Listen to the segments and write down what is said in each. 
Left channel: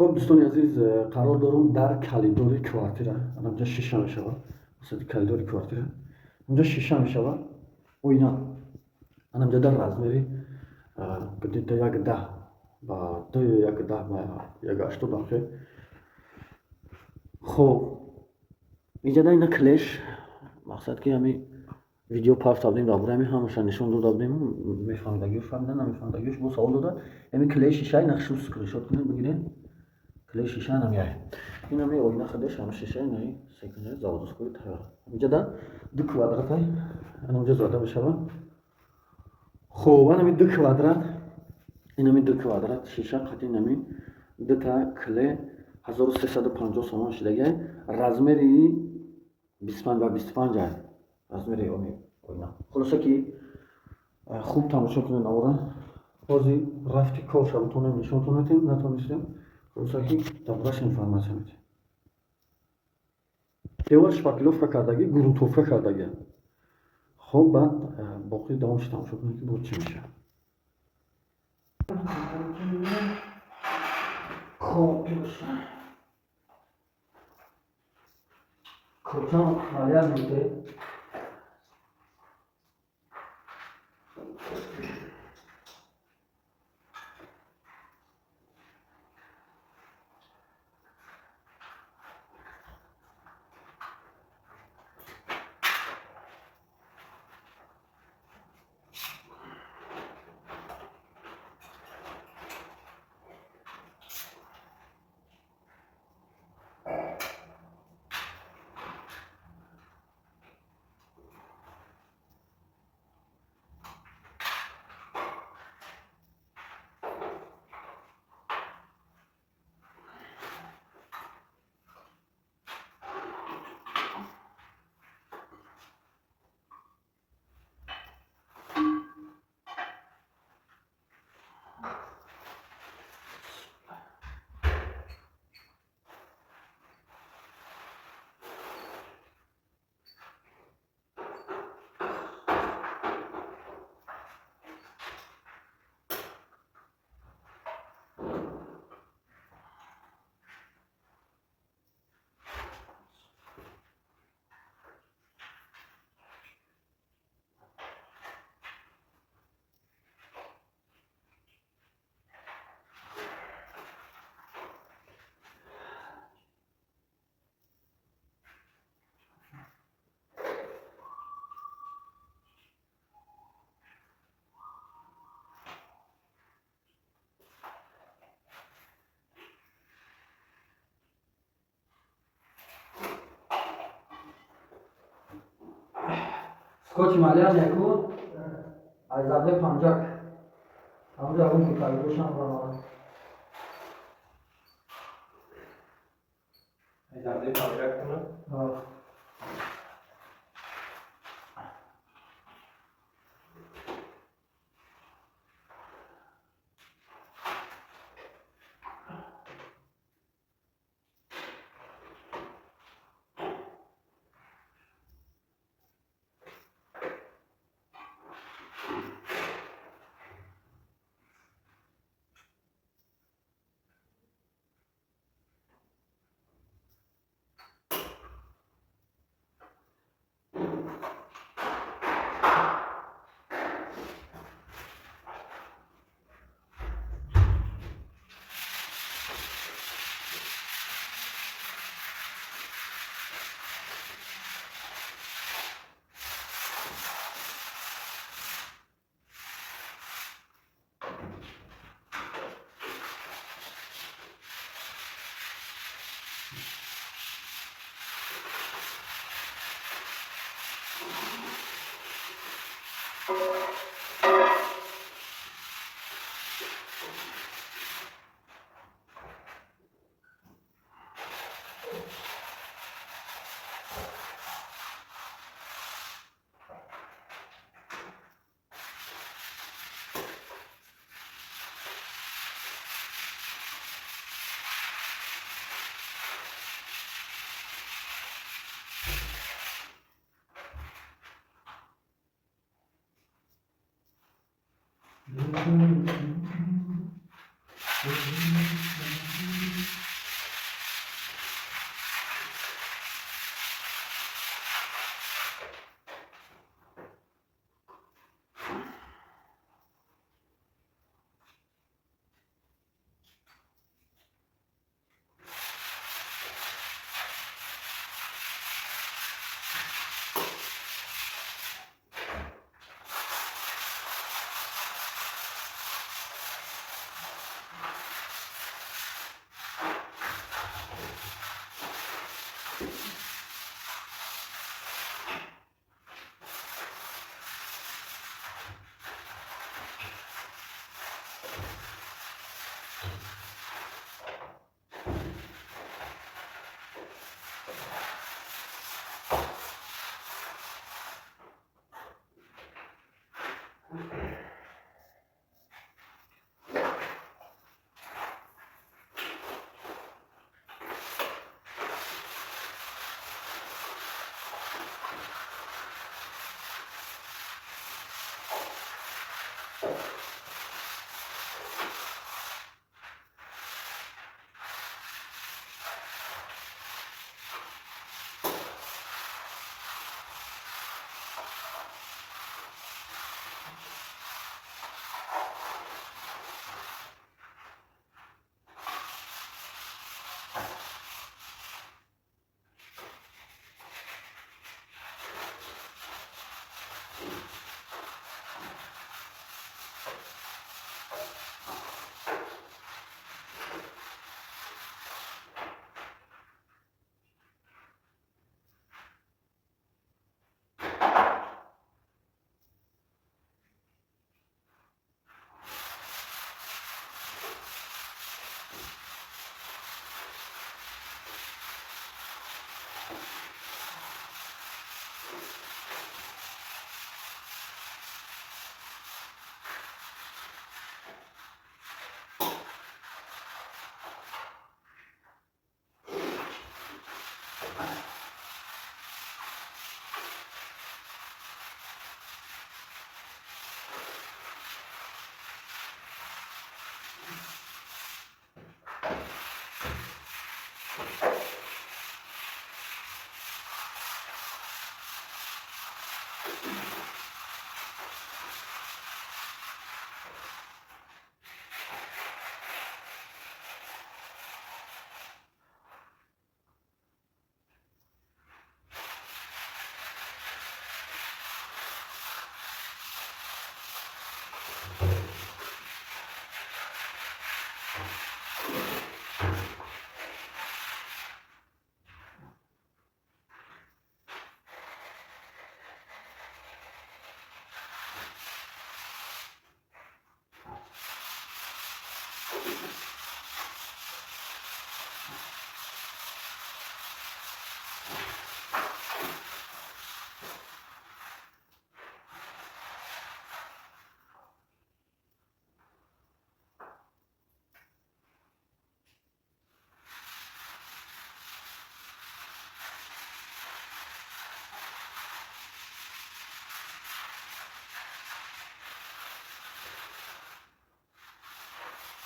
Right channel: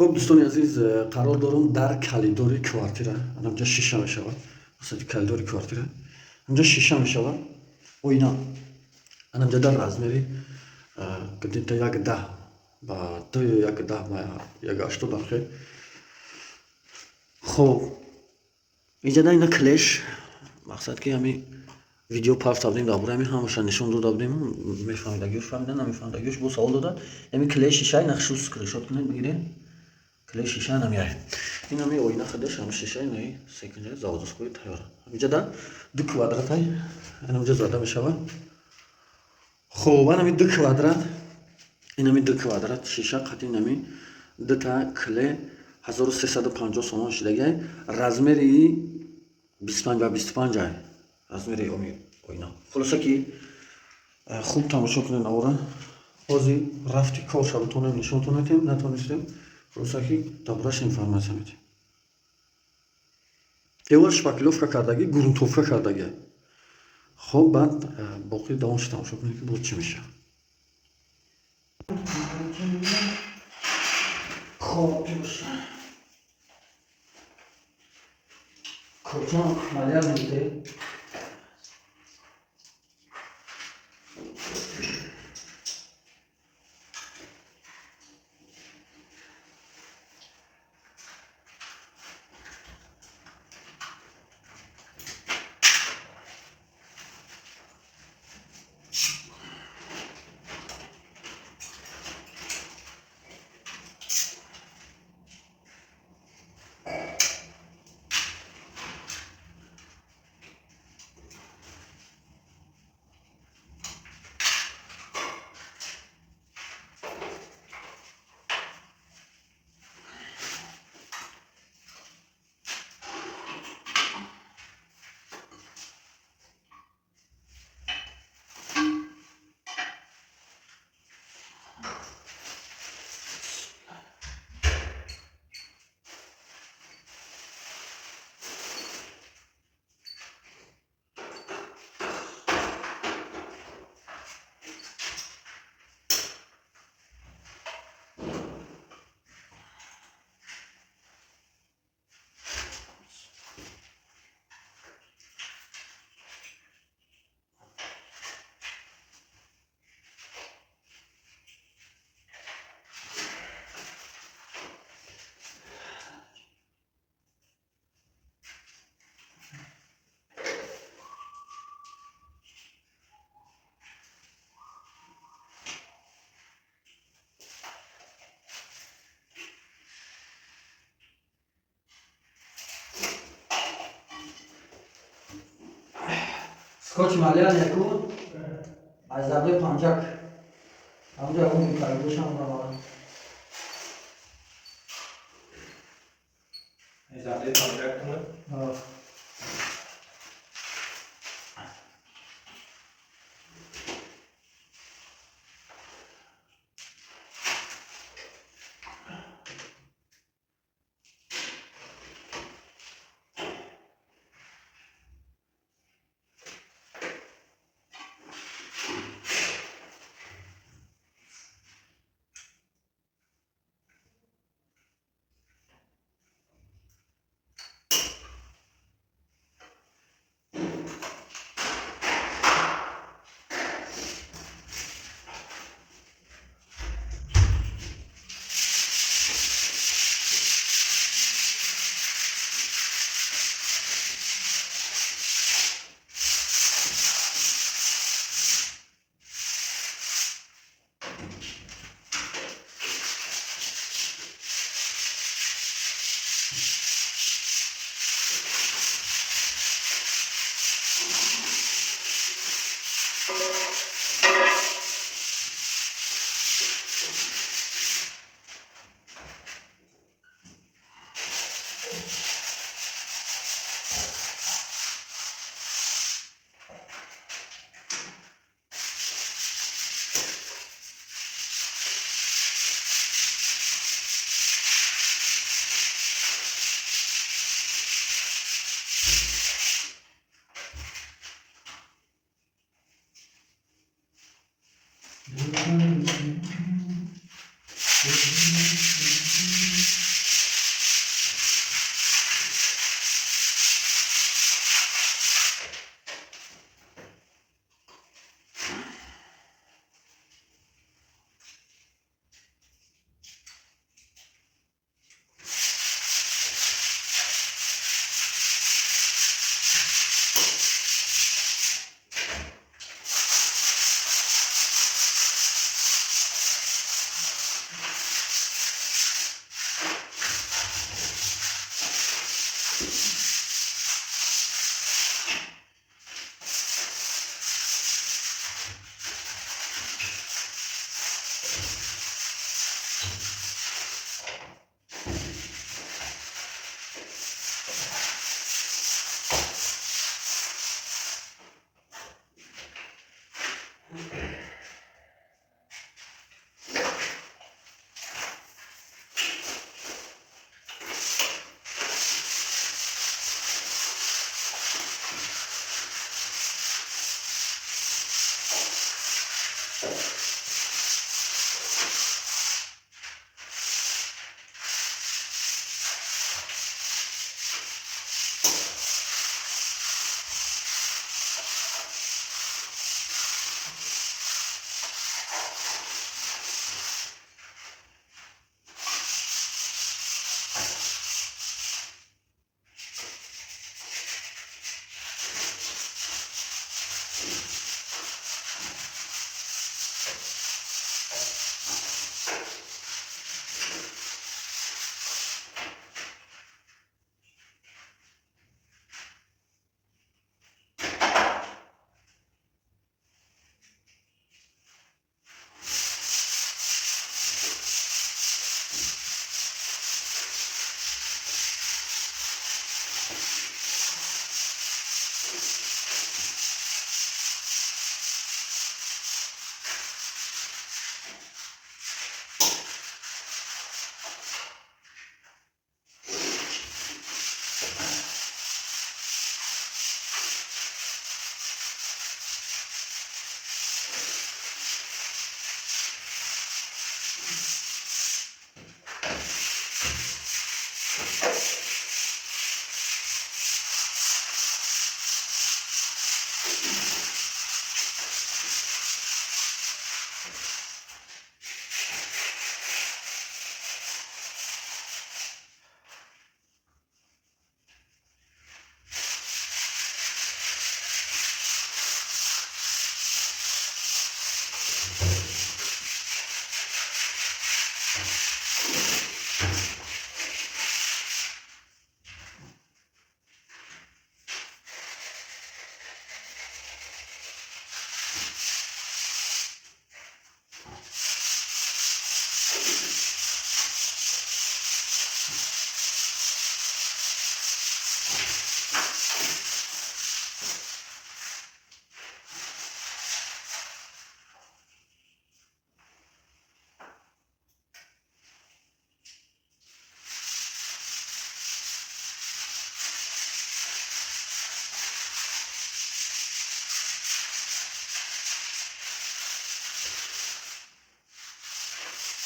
خب دوستان عزیز، قرار دارم در کلیدور کوارتیره، اینجا شیشه میشود، مثلا کلیدور کوارتیره اینجا شیشه میشود و اینا اینجا در رزمری گدید تا یک ده با تو یک ده با یک اشتو داخل. خب اینجا در اینا کلش مقصد که همین ویدیو پاف دادیم دابور همین همشان نشون دو دادیم میفهمیدگیش فهمیدن نمیفهمیدگیش بو سوال دادن همین کلش شیشه نقش اسکری شد کنید بگیرین کلی شیشه نمیاره این همی اوینا خودش هم شیشه نهی سکنه زاودسکوی تیاره اینجا در دو کوادرات های این اینجا زاده میشه. خب این همی دو کوادرات این همی دو کوادرات شیشه قطعی نمی دو تا کلی 1350 سومان شدگه رزمری 25 و 25 های رزمری اوینا خلاصه که خوب تماشا کنین آورا بازی رفتی کار شبتونه نشون تونیتیم نتونستیم خلاصه که دابراش інформація میده دیوار شپاکلوفکا کردگی گرونتوفکا کردگی. خب بعد باقی دوامش تماشا کنید که بود چی میشه. خب جوش کجا مالیال میده سکوچ مالیال یکون از زبده پانجاک همونجا اون میکایی باشم را از زبده پانجاک کنم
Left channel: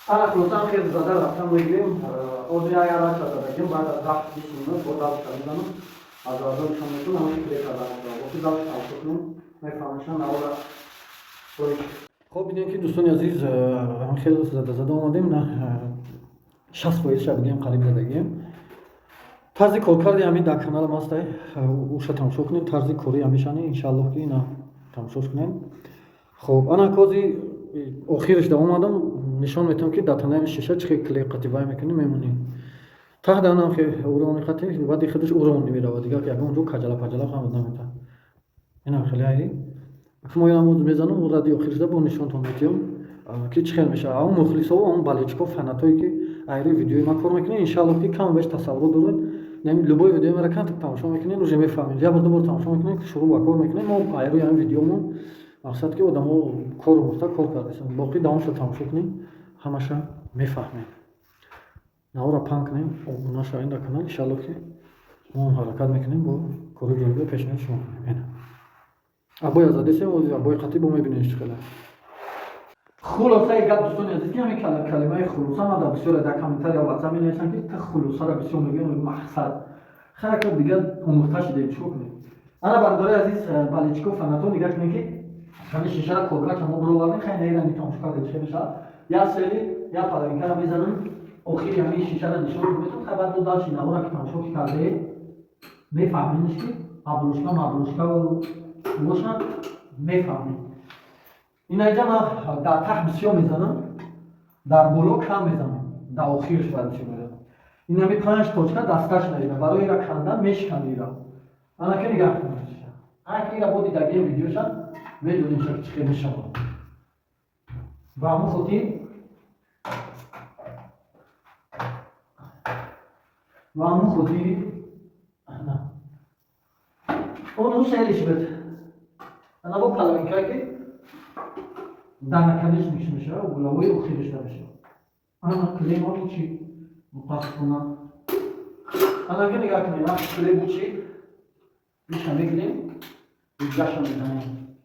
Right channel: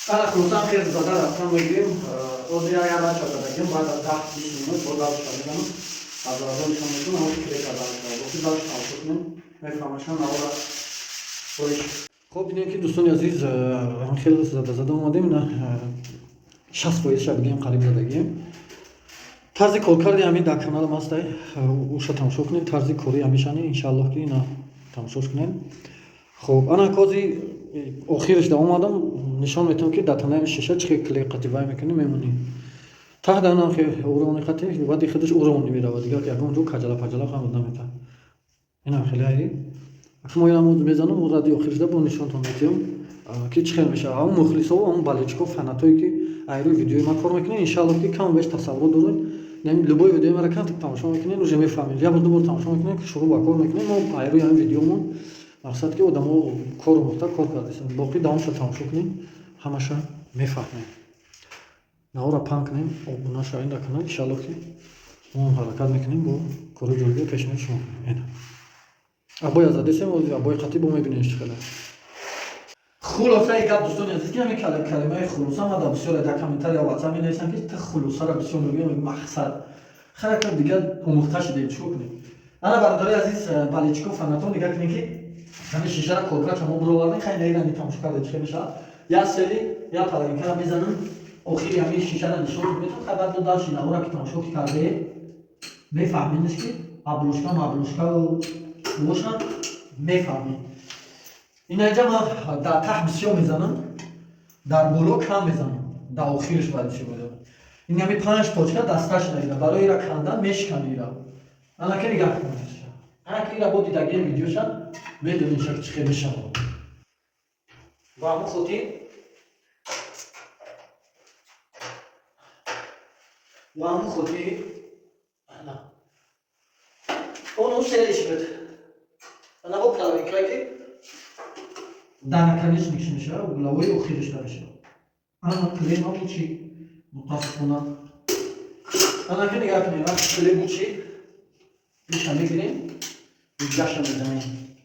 انا خلاصا خیلی زده رفتم بگیم اوزی اگر نشد بگیم باید از 10-20 minut با دلش میزنم از آزادشون میتونم اما کلی کردن با دلش تماشا کنیم میفهمشن نوارا خودش. خب ببینیم که دوستان عزیز خیلی زده اومدیم نه 60% بگیم قریب زدگیم طرز کارکردی همین در کانال ما است اوش تماشا کنیم طرز کاری همیشانی انشالله که اینا تماشاش کنیم. خب انا کوزی آخرش دوام آدم نشان میتونم که در تنه شیشه چه کلی قطعه میکنیم میمونیم تا دانم که اورونی قطعه بعد خودش اورونی میره دیگه که اونجا کجلا پجلا هم نمیتونه اینا خیلی عالی اگه ما اینو میزنم اون رادیو آخرش ده با نشان تو میتونم که چه خیلی میشه اون مخلصا و اون بالچکو فناتایی که ایرو ویدیو ما کار میکنه انشالله که کم بیش تصور دارید نمی لبوی ویدیو مرا کانت تماشا میکنین و جمعی فامیل یا برد برد تماشا میکنین که شروع با کار میکنین ما ایرو یعنی ویدیومون مقصد که آدمو کار مختار کار کردیم باقی داون شد تماشا کنین همشه میفهمین نورا پانک نیم او نشه این کانال انشالله که ما حرکت میکنیم با کار جلوی پیشنهاد شما اینا ابوی آزاده سیم و ابوی خطیب میبینیش خیلی خلاصه گپ دوستان عزیز که همین کلمه خلاصه ما در بسیار در کامنتار یا واتساپ می‌نویسن که تا خلاصه را بسیار میگیم مقصد خیلی دیگه آموخته شده چیکار کنیم. انا برادرای عزیز بالچکو فناتون نگاه کنین که همین شیشه را کورکا چما برو وردن خیلی نیرانی تماشا کرده چه میشه یا سلی یا پلنکا میزنن آخری همین شیشه را نشون میدن خبر دو داشت اینا را که تماشا کرده میفهمینش که ابروشکا و بوشن میفهمین اینا جمع در ته بسیار میزنم در بالا کم میزنم در آخرش بعدش میزنم این همین 5 تاچکا دستش نیده برای ایرا کندن میشکنه ایرا انا که نگاه کنید انا که ایرا با دیدگی ویدیوشن میدونین شکل چی میشه با همون خودی انا اون سریش بده انا با پلاوینکایی که دانکانش میشه و گلاوی آخرش نمیشه انا کلیم هم چی متاسفانه انا که نگاه کنیم کلیم چی میشه میگیریم اینجاش میزنیم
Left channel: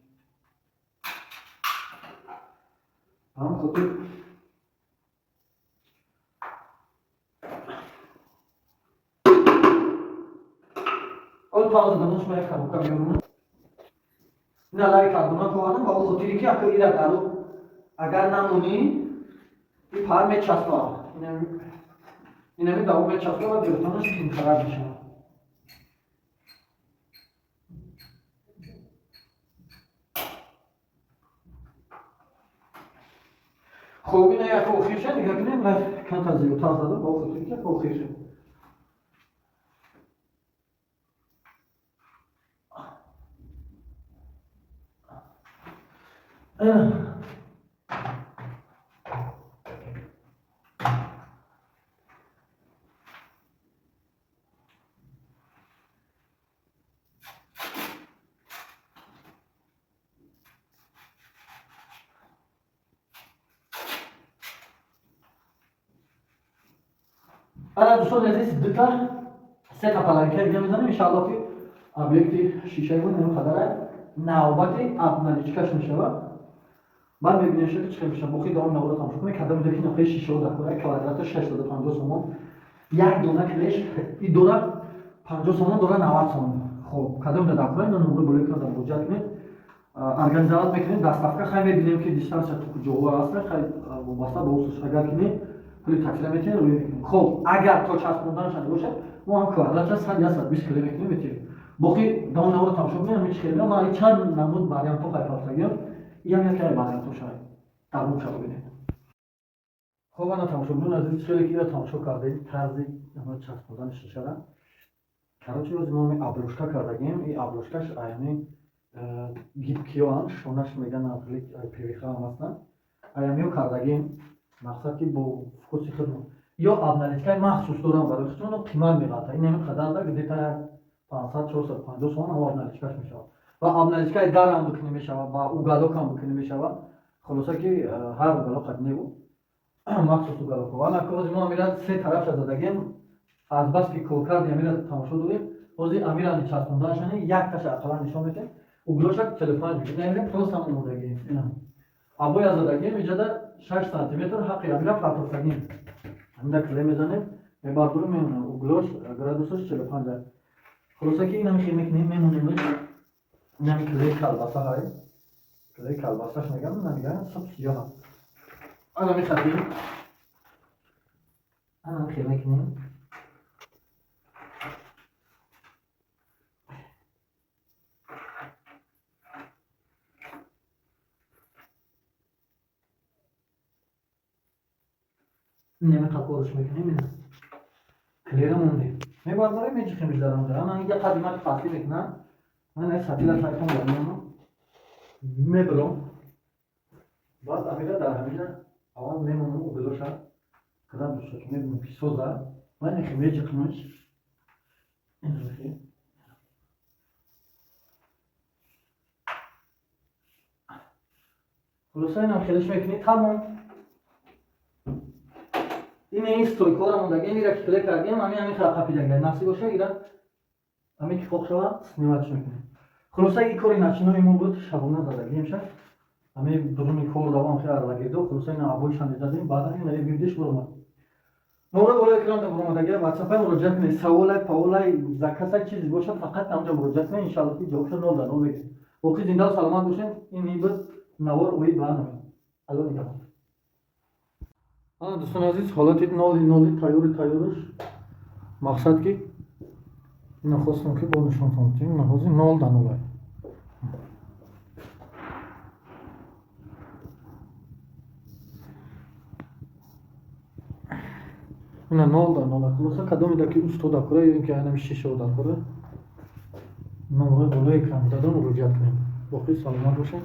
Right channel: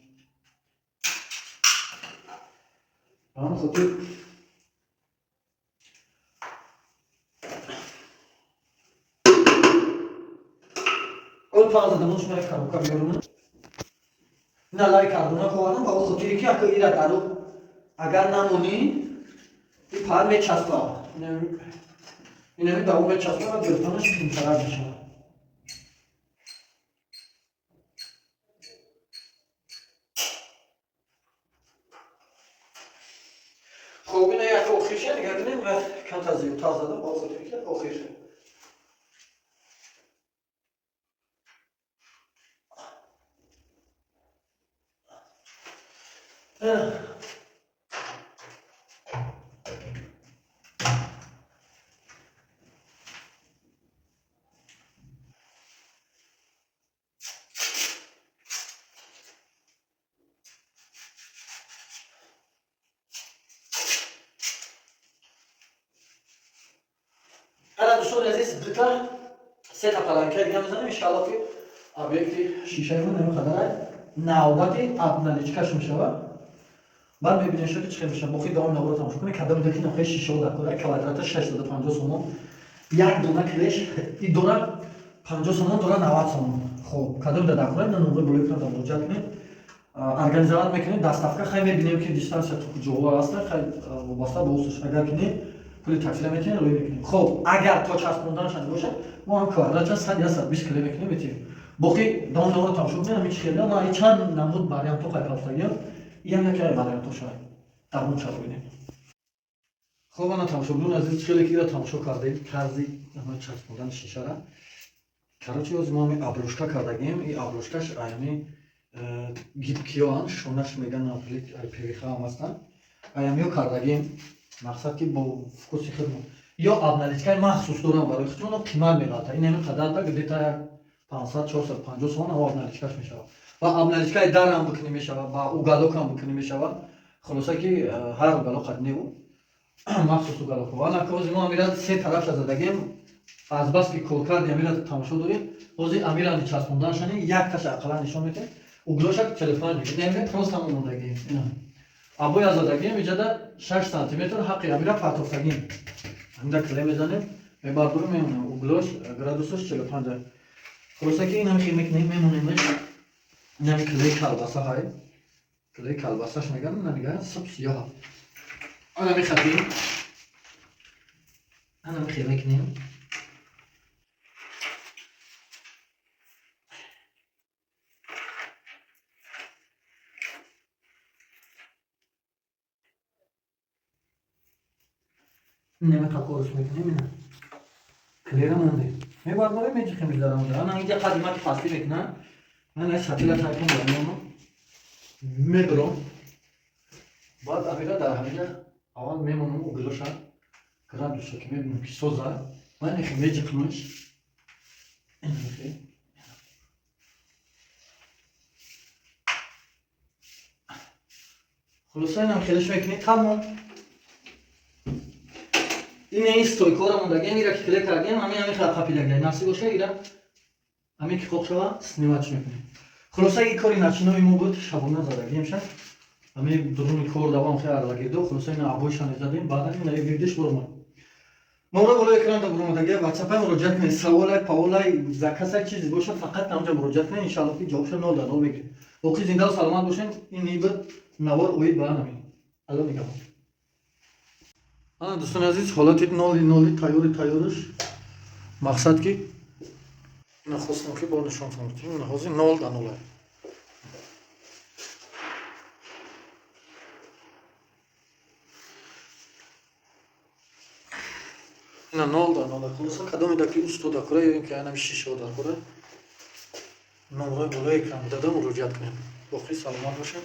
هم خودی اول پاز دمونش میره کارو میارم نلای کاربونا کوادم با خودی که اگه ایرا دارو اگر نمونی این پار میچسبه اینه می داو میچسبه و گرفتنش تیم خراب میشه خب اینه یک آخرشه نگاه کنیم و کانت از یوتا زدم با خودی که آخرشه انا دوستان عزیز دو تا سه تا پلنکه دیگه میزنم ان شاء الله که ابیکت شیشه رو نمیخواد نوبتی ابنالیچکاش میشه بعد میبینید که چه میشه بخوید دام نورا تماشا کنید کدام دکی نخواهی شیشه رو دکوره کوادرات 650 سومون یک دونه کلش این دونه 50 سومون دونه 90 سومون خب کدام دکوره نه نمره بلیک رو در وجود کنید ارگانیزات میکنید دستافکا خیلی میبینیم که دیستانس تو جوه هست خیلی وابسته به اوسش اگر کنید کلی تکثیر میتونید روی میکنید خب اگر تا چسبوندن شده باشه ما هم کوادرات 100 یا 120 کلی میکنیم میتونید بخوید دام نورا تماشا کنید هیچ خیلی ما چند نمود واریانت تو خیلی این یکی واریانت تو شاید در اون چاپ ببینید خب انا تماشاگران عزیز خیلی که تماشا کردید طرزی همه چسبوندن شیشه را کراچی از ما می ابروشکا کردیم این ابروشکاش ایمی گیبکیان شونش میگن اپلیک پیویخ هم هستن ایمیو کردیم مقصد که با فکوسی خدمت یا ابنالیچکای مخصوص دارم برای خودمون قیمت میلاته این همین قدر تا گدیتا 500 450 سوم ابنالیچکاش میشه و ابنالیچکای در هم بکنی میشه با اوگالوک هم بکنی میشه خلاصه که هر اوگالوک قدنی بود مخصوص اوگالوک و انا که ما میراد سه طرف زدگیم از بس که کول کردیم میراد تماشا داریم اوزی امیران چسبوندنشون یک تاش اقلا نشون میده اوگلوشک تلفن دیگه نمیره پروست هم موندگی اینا ابوی از زدگیم ایجاد 6 сантиметр ҳаққи амира партофтагин ҳамда клей мезанем мебардуру мемонем углош градусош 45 хулоса ки инами хел мекунем мемонемш инами клей калбаса ҳай клей калбасаш мегам намига саб сиёҳа ана мехатим ана хел мекунем نمیخواد قرص میکنه میدونم کلیرمونه میبارم میچخه میذارم در آن اینجا قدیمت فصلی میکنم من از سطیل تایپم دارم میبرم بعد امیرا در همینجا اول میمونم اگلوشا گرادوسا که میبینم که سوزا من نخی میچخمش این نخی خلاصه اینم خیلیش میکنی تمام این стойкора мондагия мира ки клей кардем ҳамин қапидагия насиб боша ира ҳамин ки хоқ шава сниматш мекунем хулоса ин кори начинои мо буд шабона задагием ша ҳамин дуруни кор давам хе арлагирдо хулоса ин абойшан задем баъдан ин вирдиш бурмад номра боло экран да бурмадагия ватсапа муроҷиат кунед саволай паволай за касай чизе бошад фақат намҷа муроҷиат кунед иншаллоҳ ки ҷавобша 0 мегирем боқӣ зиндаву саломат бошед ин буд навор оид ба ҳамин алло нигаҳон دوستان عزیز حالت نالی تیارش مقصد که این خواستم که با نشان فهمتیم نهازی نال در ناله این نال در ناله خلاصا کدامی در که اوستو در کره یا اینکه اینمی شیشه در کره نمره بالای اکرام دادم مراجعت کنیم باقی سلامت باشین